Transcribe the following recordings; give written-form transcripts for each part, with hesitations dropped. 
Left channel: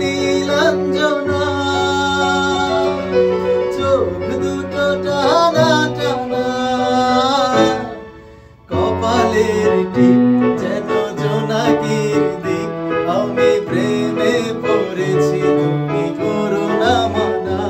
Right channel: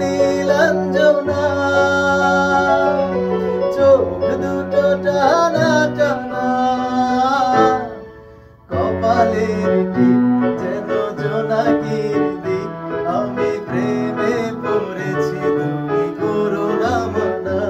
নীলাঞ্জনা চোখ দুটো টানা টানা কপালের টিপ যেন জোনাকির দিক আমি প্রেমে পড়েছি তুমি করো না মানা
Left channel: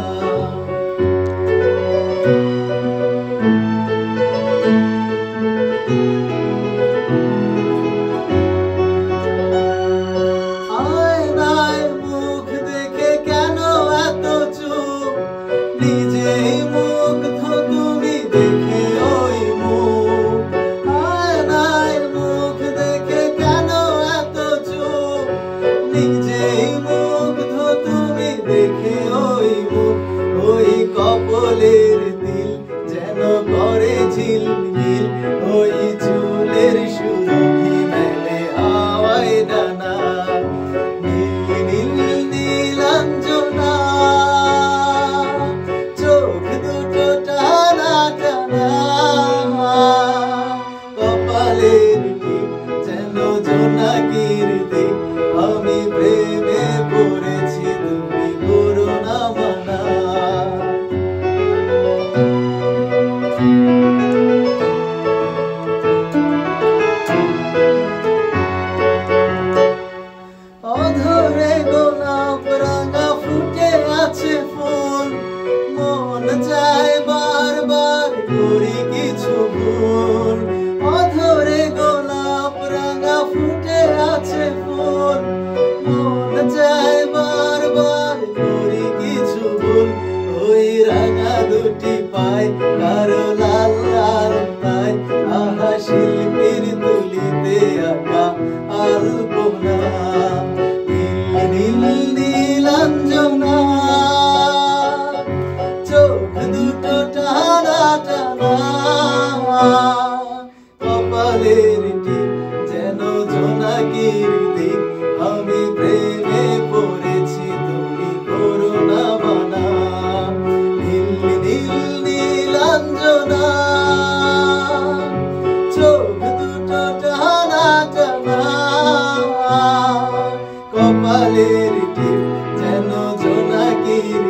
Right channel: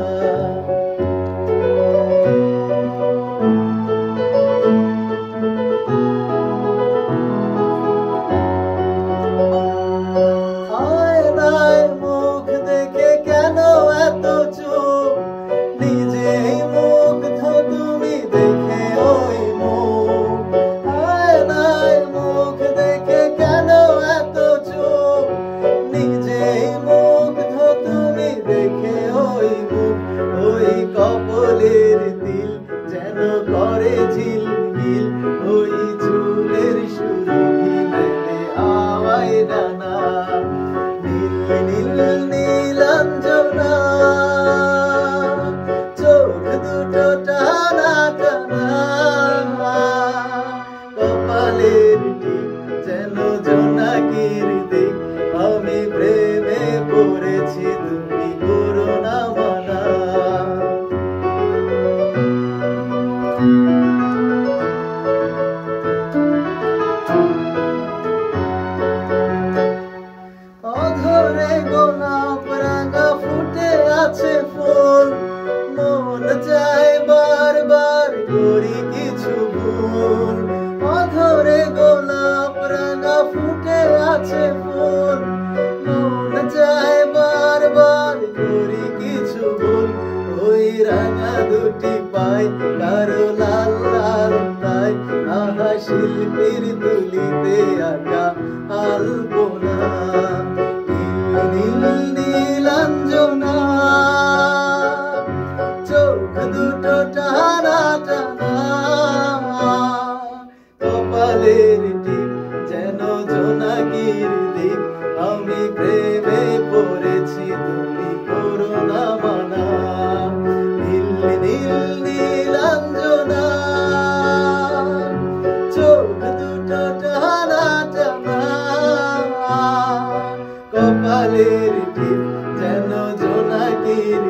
আয়নায় মুখ দেখে কেন এত চুপ নিজেই মুগ্ধ তুমি দেখে ওই মুখ আয়নায় মুখ দেখে কেন এত চুপ নিজেই মুগ্ধ তুমি দেখে ওই মুখ ওই কপলের দিল যেন করে ঝিলমিল ওই চুলের সুরভি মেলে আওয়ায় ডানা নীল নীল নীলাঞ্জনা চোখ দুটো টানা টানা কপালের টিপ যেন জোনাকির দিক আমি প্রেমে পড়েছি তুমি করো না মানা অধরে গোলাপ রাঙা ফুটে আছে ফুল মন চায় বারবার করি কিছু ভুল অধরে গোলাপ রাঙা ফুটে আছে ফুল মন চায় বারবার করি কিছু ভুল ওই রাঙা দুটি পায় কারো লাল লাল তাই আহা শিল্পীর তুলিতে আঁকা আলপনা নীল নীলাঞ্জনা চোখ দুটো টানা টানা কপালের টিপ যেন জোনাকির দিক আমি প্রেমে পড়েছি তুমি করো না মানা নীল নীল নীলাঞ্জনা চোখ দুটো টানা টানা কপালের টিপ যেন জোনাকির